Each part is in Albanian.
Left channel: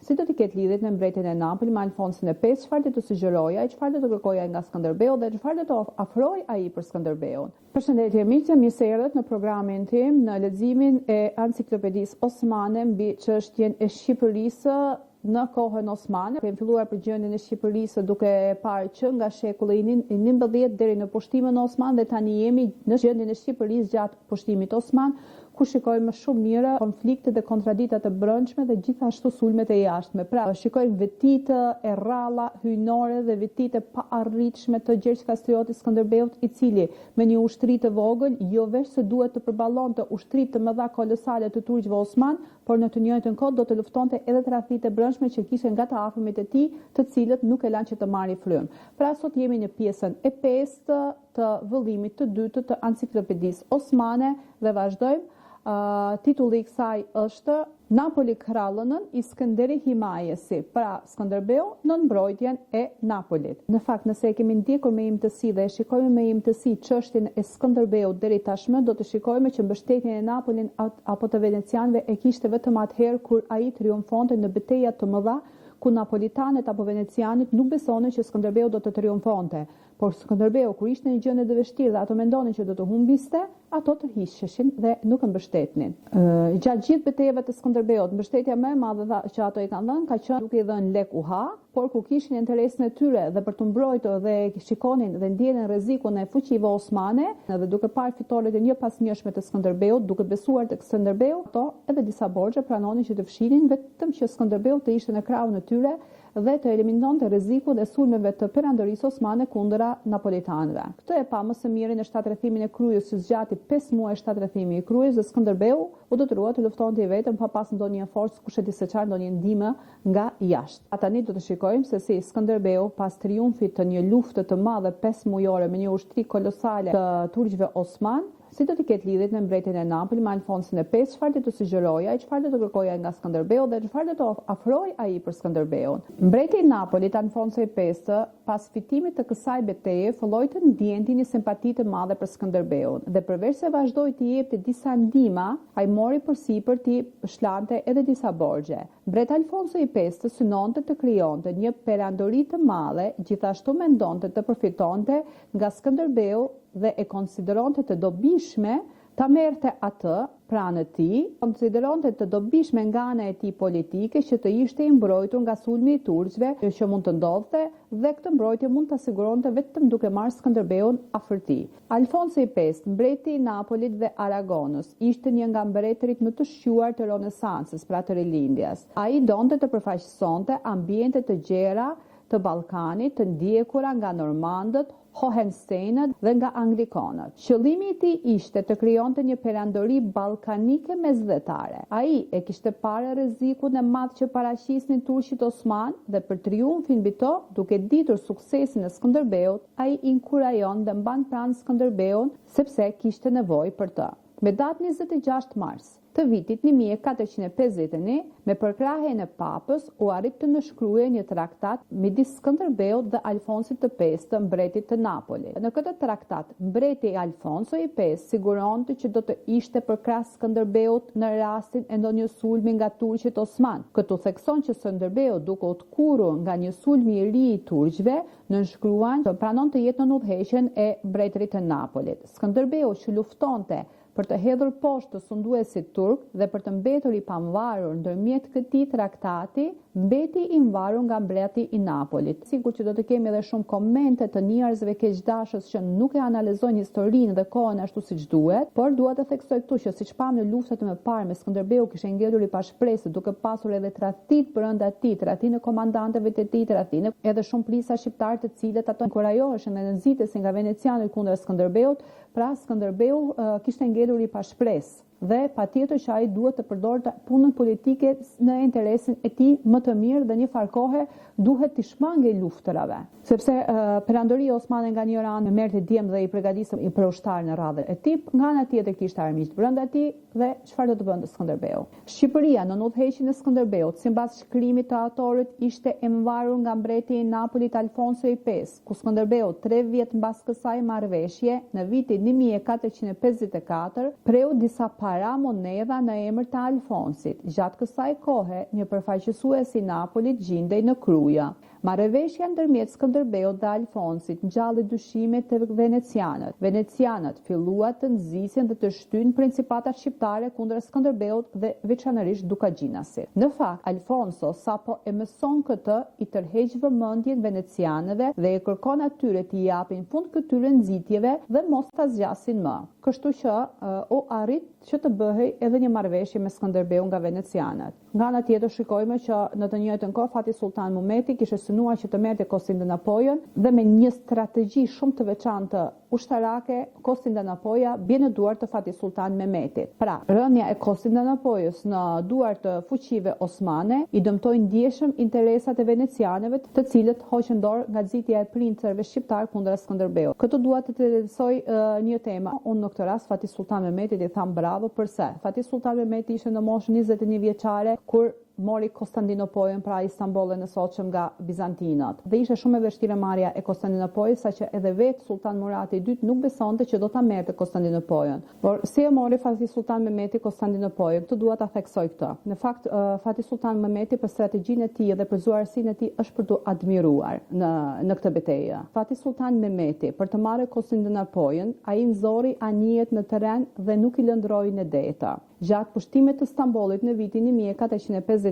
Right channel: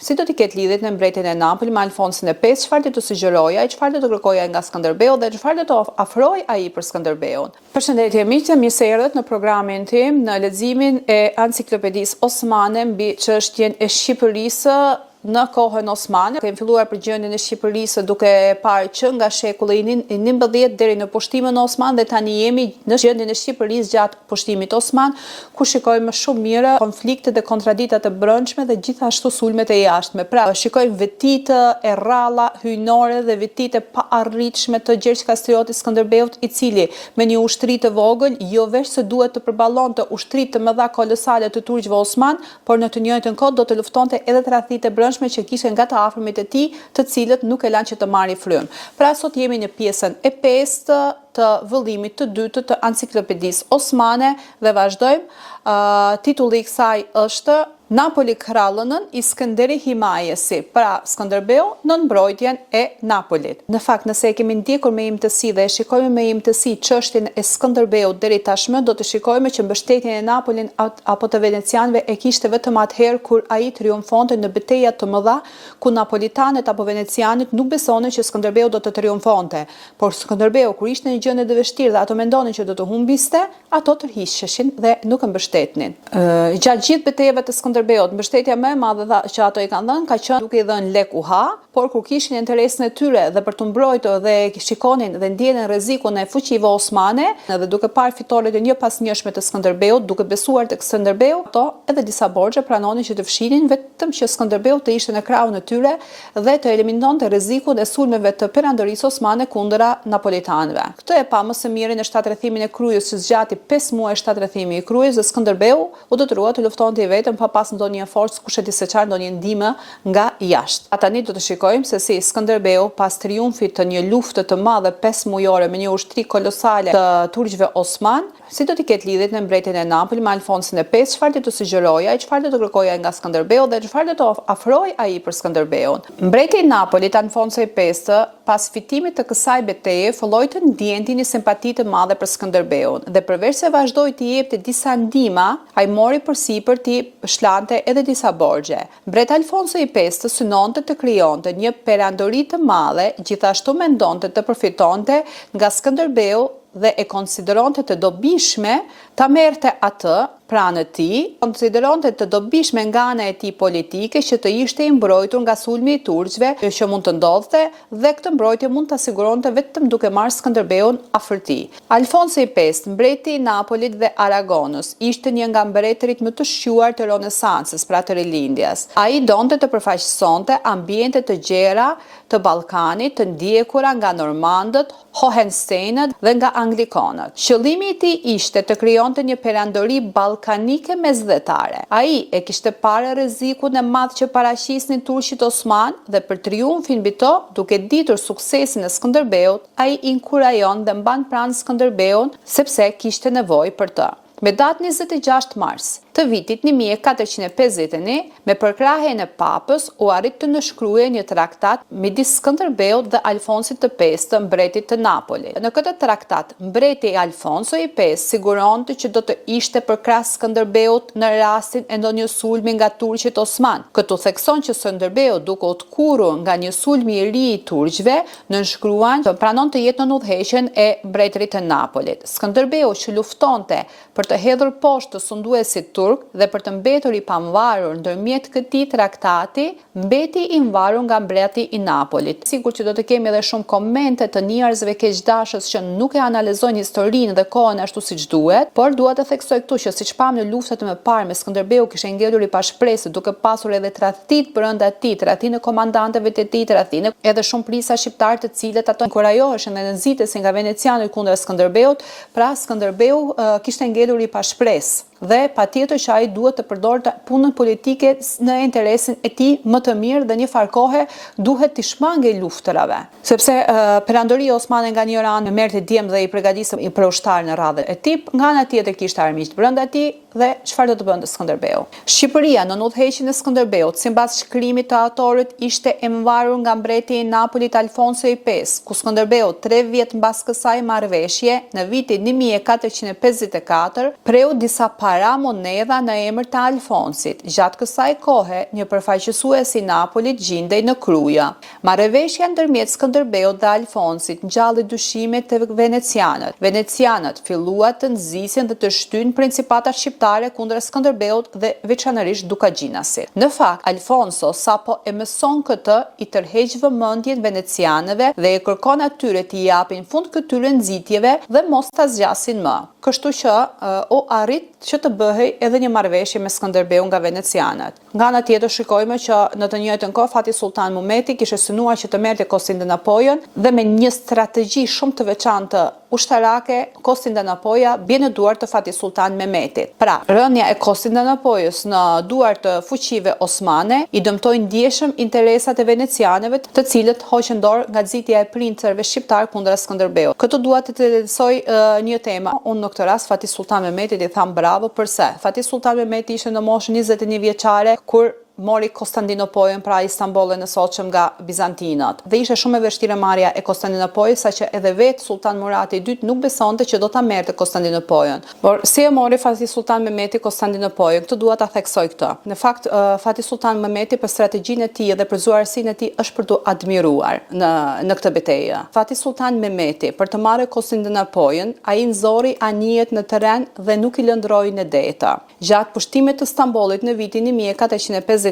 si do t'i ketë lidhjet në mbretjen e Napoli me Alfonsin e V, çfarë do të sugjeroja, çfarë do të kërkoja nga Skënderbeu dhe çfarë do të ofroj ai për Skënderbeun. Përshëndetje miq, mirë se erdhët në programin tim në leximin e Enciklopedisë Osmane mbi çështjen e Shqipërisë në kohën osmane. Kemi filluar përgjigjen e Shqipërisë duke parë që nga shekulli i 19 deri në pushtimin osman dhe tani jemi në gjendjen e Shqipërisë gjatë pushtimit osman, ku shikojmë shumë mirë konflikte dhe kontradikta të brendshme dhe gjithashtu sulmet e jashtme. Pra, shikojmë vetitë e rralla hyjnore dhe vetitë pa arritshme të Gjergj Kastriotit Skënderbeut, i cili me një ushtri të vogël jo vetëm se duhet të përballonte ushtritë të mëdha kolosale të turqëve osman, por në të njëjtën kohë do të luftonte edhe tradhtitë e që kishen nga të afërmit e tij, të cilët nuk e lanë që të marrin frymë. Pra sot jemi në pjesën e 5 të vëllimit të dytë të Enciklopedisë Osmane dhe vazhdojmë. Titulli i kësaj është Napoli krallënën i Skënderi Himajesi, pra Skënderbeu në mbrojtjen e Napolit. Në fakt, nëse e kemi ndjekur me imtësi dhe e shikojmë me imtësi çështjen e Skënderbeut deri tashmë, do të shikojmë që mbështetjen e Napolin apo të venecianëve e kishte vetëm atëherë kur ai triumfonte në betejat të mëdha, ku napolitanët apo venecianët nuk besonin që Skënderbeu do të triumfonte. Por Skënderbeu, kur ishte në një gjendje të vështirë dhe ato mendonin që do të humbiste, ato tërhiqeshin dhe nuk e mbështetnin. Gjatë gjithë betejave të Skënderbeut, mbështetja më e madhe që ato i kanë dhënë ka qenë duke i dhënë lek uha, por kur kishin interesin e tyre dhe për të mbrojtur dhe shikonin dhe ndjenin rrezikun e fuqive osmane, dhe duke parë fitoret e një pas njëshme të Skënderbeut, duke besuar tek Skënderbeu, ato edhe disa borxhe pranonin që të fshinin vetëm që Skënderbeu të ishte në krahun e tyre dhe të eliminonte rrezikun e sulmeve të perandorisë osmane kundra napolitanëve. Këtë e pa më së miri në shtatrrethimin e Krujës, që zgjati 5 muaj shtatrrethimi i Krujës, dhe Skënderbeu u detyrua të luftonte i vetëm pa pas ndonjë forcë kush e di se çfarë, ndonjë ndihmë nga jashtë. Tani do të shikojmë se si Skënderbeu pas triumfit të një lufte të madhe 5 mujore me një ushtri kolosale të turqëve osman, si do t'i ketë lidhjet në mbretjen e Napoli me Alfonsin e V, çfarë do të sugjeroja, çfarë do të kërkoja nga Skënderbeu dhe çfarë do të ofroj ai për Skënderbeun. Mbreti i Napolit Alfonso i V, pas fitimit të kësaj beteje, filloi të ndjente një simpati të madhe për Skënderbeun dhe përveç se vazhdoi të jepte disa ndihma, ai mori përsipër të shlante edhe disa borxhe. Mbreti Alfonso i V synonte të krijonte një perandori të madhe, gjithashtu mendonte të përfitonte nga Skënderbeu dhe e konsideronte të dobishme ta merrte atë pranë tij, konsideronte të dobishme nga ana e tij politike që të ishte i mbrojtur nga sulmi i turqëve që mund të ndodhte dhe këtë mbrojtje mund ta siguronte vetëm duke marrë Skënderbeun afër tij. Alfonso i V, mbreti i Napolit dhe Aragonës, ishte një nga mbretërit më të shquar të Renesancës, pra të rilindjes. Ai donte të përfaqësonte ambiente të gjera të Ballkanit, të ndjekura nga normandët, Hohensteinët dhe nga anglikanët. Qëllimi i tij ishte të krijonte një perandori ballkanike mesdhetare. Ai e kishte parë rrezikun e madh që paraqisnin turqit osman dhe për triumfin mbi to, duke ditur suksesin e Skënderbeut, ai inkurajon dhe mban pranë Skënderbeun sepse kishte nevojë për të. Me datë 26 mars të vitit 1451, me përkrahjen e papës, u arrit të nënshkruhej një traktat midis Skënderbeut dhe Alfonsit të V, mbretit të Napolit. Në këtë traktat, mbreti Alfonso i V siguronte që do të ishte përkrah Skënderbeut në rastin e ndonjë sulmi nga turqit osman. Këtu thekson që Skënderbeu, duke u tkurrur nga një sulm i ri i turqëve, nënshkruan që pranon të jetë në udhëheqjen e mbretërit të Napolit. Skënderbeu që luftonte për të hedhur poshtë të sunduesit turk dhe për të mbetur i pamvarur ndërmjet këtij traktati, mbeti i mvarur nga mbreti i Napolit. Sigur që do të kemi edhe shumë komente të njerëzve keqdashës që nuk e analizojnë historinë dhe kohën ashtu siç duhet, por dua të theksoj këtu që siç pam në luftat më parë me Skënderbeu kishte ngelur i pashpresë, duke pasur edhe tradhtit brenda tij, tradhtinë e komandantëve të tij, tradhtinë edhe shumë prisa shqiptar të cilët ato inkurajoheshin dhe nxitesin nga venecianët kundër Skënderbeut, pra Skënderbeu kishte ngelur i pashpresë dhe patjetër që ai duhet të përdorte punën politike në interesin e tij më të mirë dhe një farë kohe duhet të shmangej luftrave. Sepse perandoria osmane nga një anë merrte djem dhe i përgatiste për ushtar në radhë e tip, nga ana tjetër kishte armiq brenda tij dhe çfarë do të bënte Skënderbeu. Shqipëria në udhëheqjen e Skënderbeut, sipas shkrimit të autorit, ishte e mvarur nga mbreti i Napolit Alfonso i V, ku Skënderbeu 3 vjet mbas kësaj marrëveshje, në vitin 1454, preu disa para monedha monedha në emër të Alfonsit. Gjatë kësaj kohe, një përfaqësues i Napolit gjindej në Kruja. Marrëveshja ndërmjet Skënderbeut dhe Alfonsit ngjalli dyshime të venecianët. Venecianët filluan të nxisin dhe të shtyjnë principatat shqiptare kundër Skënderbeut dhe veçanërisht Dukagjinasit. Në fakt, Alfonso sapo e mëson këtë, i tërheq vëmendjen venecianëve dhe e kërkon atyre t'i japin fund këtyre nxitjeve dhe mos ta zgjasin më. Kështu që u arrit që të bëhej edhe një marrëveshje me Skënderbeun nga venecianët. Nga ana tjetër shikojmë që në të njëjtën kohë Fatih Sultan Mehmeti kishte synuar që të merrte Konstantinopolin dhe me një strategji shumë të veçantë ushtarake, Konstantinopoja bie në duart të Fatih Sultan Mehmetit. Pra, rënja e Konstantinopojës në duart të fuqive osmane i dëmtoi ndjeshëm interesat e venecianëve, të cilët hoqën dorë nga nxitja e princerëve shqiptar kundër Skënderbeut. Këtu dua të interesoj një temë. Unë në këtë rast Fatih Sultan Mehmetit i tham bravo, përse Fatih Sultan Mehmeti ishte në moshën 21 vjeçare kur mori Konstantinopolin, pra Istanbulin e sotshëm nga bizantinët. Dhe ishte shumë e vështirë marrja e Konstantinopolis, saqë edhe vetë Sultan Murati II nuk besonte që do ta merrte Konstantinopolin. Por si e mori Fatih Sultan Mehmeti Konstantinopolin? Këtë dua ta theksoj këtë. Në fakt, Fatih Sultan Mehmeti për strategjinë e tij dhe për zuarësinë e tij është për të admiruar në këtë betejë. Fatih Sultan Mehmeti për të marrë Konstantinopolin, ai nxorri anijet në terren dhe nuk i lëndroi në detë. Gjatë pushtimit të Stambollit në vitin 1453,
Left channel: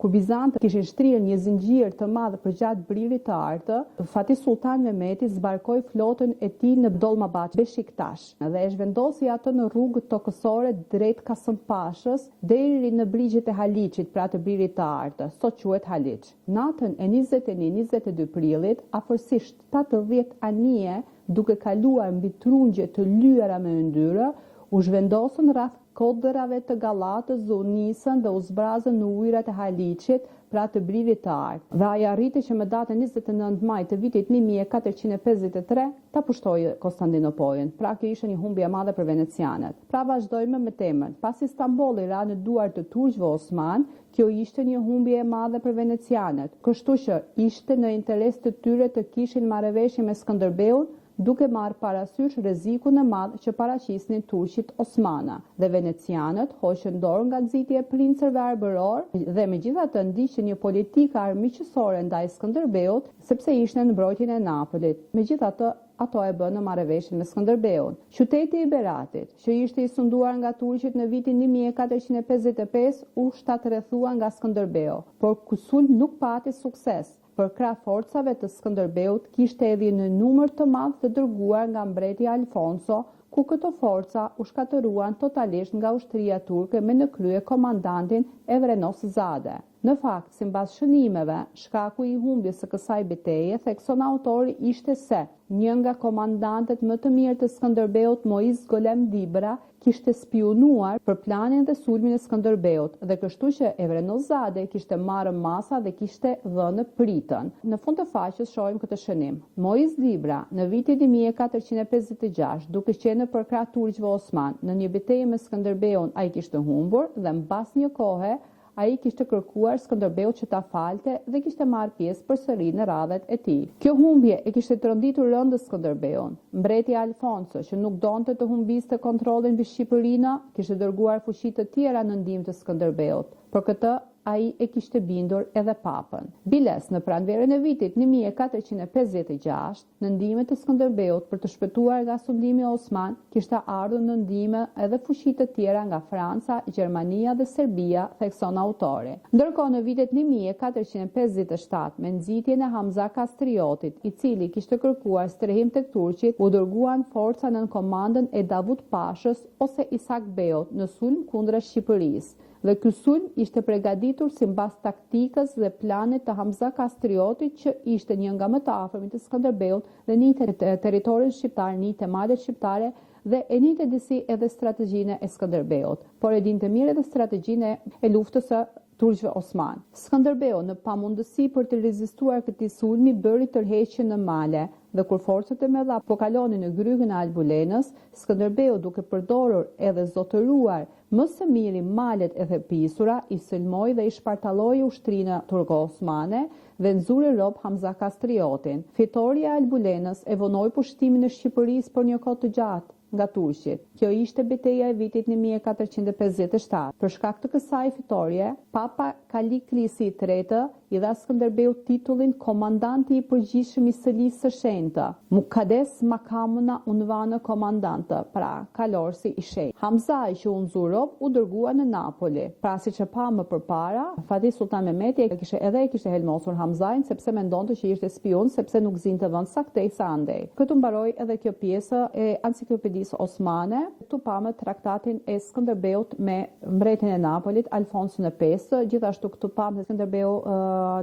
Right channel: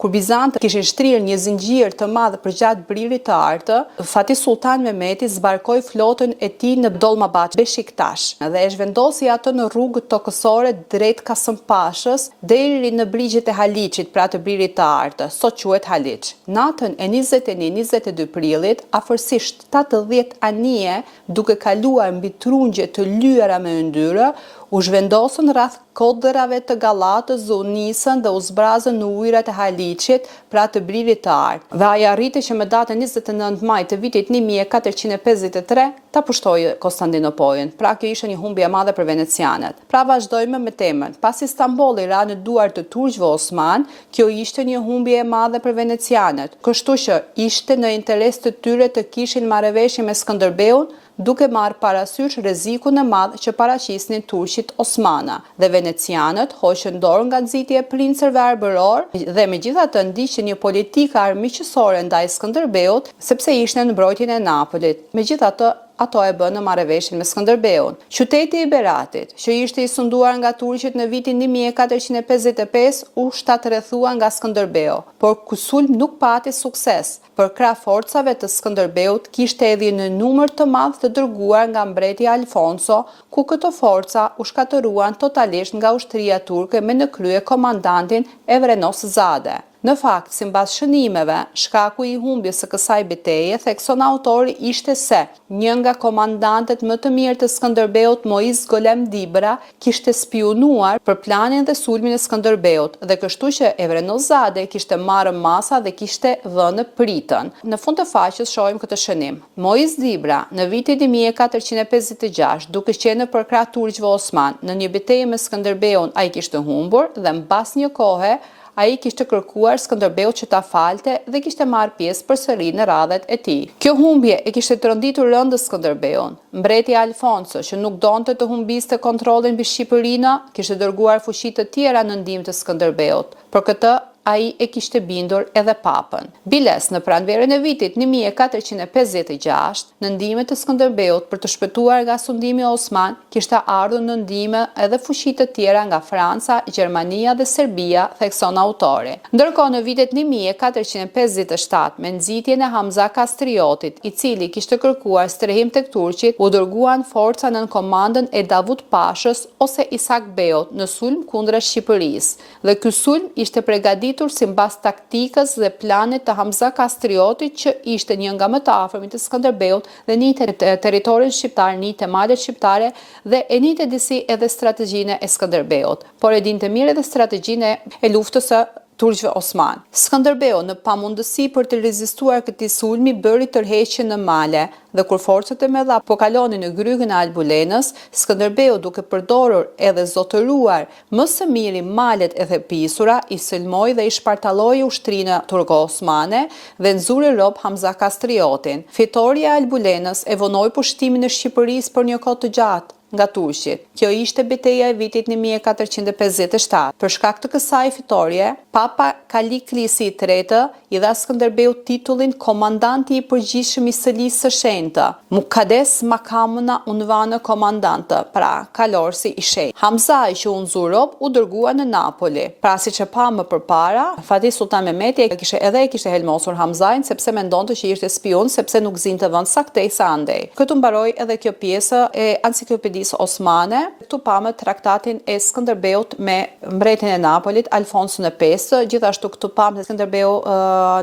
kur Bizantët kishin shtrirë një zinxhir të madh përgjatë Bririt të Artë, Fatih Sultan Mehmeti zbarkoi flotën e tij në Dolmabahçe, Beşiktaş, dhe e zhvendosi atë në rrugët tokësore drejt Kasëmpashës deri në brigjet e Haliçit, pra të Bririt të Artë, sot quhet Haliç. Natën e 21-22 prillit, afërsisht 70 anije, duke kaluar mbi trungje të lyera me yndyrë, u zhvendosën rreth kodërave të Gallatës dhe u nisën dhe u zbrazën në ujërat e Haliçit, pra të Bririt të Artë. Dhe ai arriti që me datën 29 maj të vitit 1453 ta pushtojë Konstantinopolin. Pra kjo ishte një humbje e madhe për venecianët. Pra vazhdojmë me temën. Pasi Stambolli ra në duart të turqëve osman, kjo ishte një humbje e madhe për venecianët. Kështu që ishte në interes të tyre të kishin marrëveshje me Skënderbeun, duke marrë parasysh rrezikun e madh që paraqisnin turqit osmana, dhe venecianët hoqën dorë nga nxitja e princerëve arbëror dhe megjithatë ndiqnin një politikë armiqësore ndaj Skënderbeut, sepse ishte në mbrojtjen e Napolit. Megjithatë, ato e bënë në marrëveshjen me Skënderbeun. Qyteti i Beratit, që ishte i sunduar nga turqit në vitin 1455, u shtatrrethua nga Skënderbeu, por ky sulm nuk pati sukses. Për krah forcave të Skënderbeut kishte edhe një numër të madh të dërguar nga mbreti Alfonso, ku këto forca u shkatëruan totalisht nga ushtria turke me në krye komandantin Evrenos Zade. Në fakt, sipas shënimeve, shkaku i humbjes së kësaj betejë, thekson autori, ishte se një nga komandantët më të mirë të Skënderbeut, Moiz Golem Dibra, kishte spionuar për planin dhe sulmin e Skënderbeut, dhe kështu që Evrenos Zade kishte marrë masa dhe kishte vënë pritën. Në fund të faqes shohim këtë shënim. Moiz Dibra, në vitin 1456, duke qenë për krah turqëve osman, në një betejë me Skënderbeun ai kishte humbur dhe mbas një kohe ai kishte kërkuar Skënderbeut që ta falte dhe kishte marrë pjesë përsëri në radhet e tij. Kjo humbje e kishte tronditur rëndës Skënderbeun. Mbreti Alfonso, që nuk donte të humbiste kontrollin mbi Shqipërinë, kishte dërguar fuqi të tjera në ndihmë të Skënderbeut. Për këtë ai e kishte bindur edhe papën. Biles, në pranverën e vitit 1456, në ndihmë të Skënderbeut për të shpëtuar nga sundimi osman, kishte ardhur në ndihmë edhe fuqi të tjera nga Franca, Gjermania dhe Serbia, thekson autori. Ndërkohë në vitet 1457, me nxitjen e Hamza Kastriotit, i cili kishte kërkuar strehim tek turqit, u dërguan forca nën komandën e Davut Pashës ose Isak Beut në sulm kundër Shqipërisë. Dhe ky sulm ishte përgatitur sipas taktikës dhe planit të Hamza Kastriotit, që ishte një nga më të afërmit të Skënderbeut dhe njihte territorin shqiptar, njihte malet shqiptare dhe e njihte disi edhe strategjinë e Skënderbeut, por e dinte mirë edhe strategjinë e luftës së turqëve osman. Skënderbeu, në pamundësi për të rezistuar këtij sulmi, bëri tërheqje në male, dhe kur forcat e mëdha po kalonin në grygën e Albulenës, Skënderbeu, duke përdorur edhe zotëruar më së miri malet e thepisura, i sulmoi dhe i shpartalloi ushtrinë turko-osmane dhe nxuri rob Hamza Kastriotin. Fitoria e Albulenës e vonoi pushtimin e Shqipërisë për një kohë të gjatë. nga Turqit. Kjo ishte betejë e vitit 1457. Për shkak të kësaj fitorie, Papa Kaliklisi III i dha Skënderbeut titullin komandanti i përgjithshëm i Sëlisë së Shenjtë, Mukades Makamuna Unvanë komandantë, pra kalorësi i shenjtë. Hamzai që u nxu rob u dërgua në Napoli. Pra siç e pa më përpara, Fatih Sultan Mehmeti e kishte helmosur Hamzain sepse mendonte që ishte spion, sepse nuk zinte vend saktej sa andej. Këtu mbaroi edhe kjo pjesë e Enciklopedisë Osmane. Këtu pamë traktatin e Skënderbeut me mbretin e Napolit, Alfonsin e V. Gjithashtu këtu pamë se Skënderbeu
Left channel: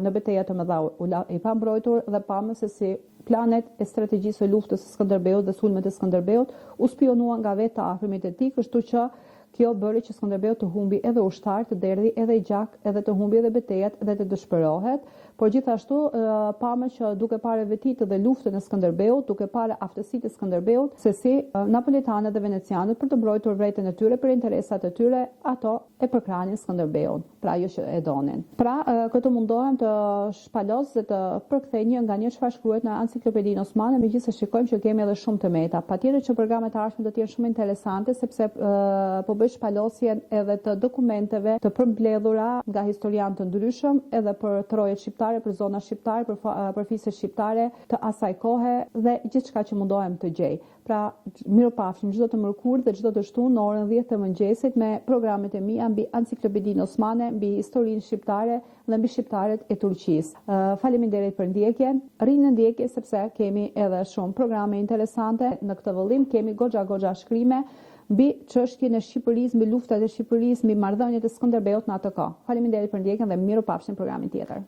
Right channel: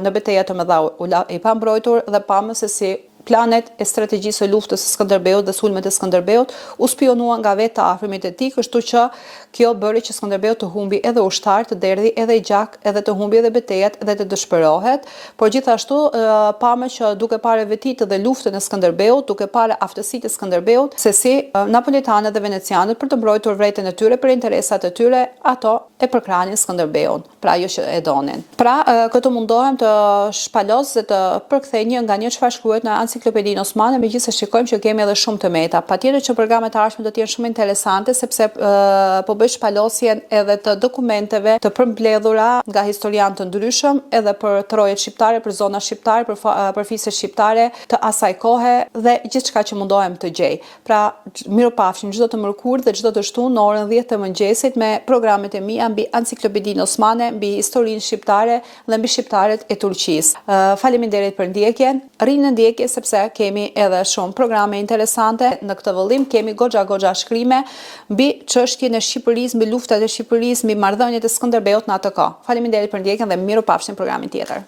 në betejë të mëdha i pa mbrojtur dhe pamë se si planet e strategjisë së luftës së Skënderbeut dhe sulmet e Skënderbeut u spionuan nga vetë të afërmit e tij, kështu që kjo bëri që Skënderbeu të humbi edhe ushtar, të derdhi edhe i gjak, edhe të humbi edhe betejat dhe të dëshpërohet, por gjithashtu pamë që duke parë vetit dhe luftën e Skënderbeut, duke parë aftësitë e Skënderbeut, se si napolitanët dhe venecianët për të mbrojtur vretën e tyre për interesat e tyre, ato e përkranin Skënderbeun, pra ajo që e donin. Pra këtu mundohem të shpalos dhe të përkthej një nga një çfarë shkruhet në Enciklopedinë Osmane, megjithëse shikojmë që kemi edhe shumë të meta. Patjetër që programet e ardhshme do të jenë shumë interesante sepse po bëj shpalosjen edhe të dokumenteve të përmbledhura nga historianë të ndryshëm, edhe për trojet shqiptare, për zona shqiptare, për fiset shqiptare të asaj kohe dhe gjithçka që mundohem të gjej. Pra, mirupafshim çdo të mërkurë dhe çdo të shtunë në orën 10 të mëngjesit me programet e mia mbi Enciklopedinë Osmane, mbi historinë shqiptare dhe mbi shqiptarët e Turqisë. Faleminderit për ndjekjen. Rrini në ndjekje sepse kemi edhe shumë programe interesante. Në këtë vëllim kemi goxha shkrime mbi çështjen e Shqipërisë, mbi luftat e Shqipërisë, mbi marrëdhëniet e Skënderbeut në atë kohë. Faleminderit për ndjekjen dhe mirupafshim programin tjetër.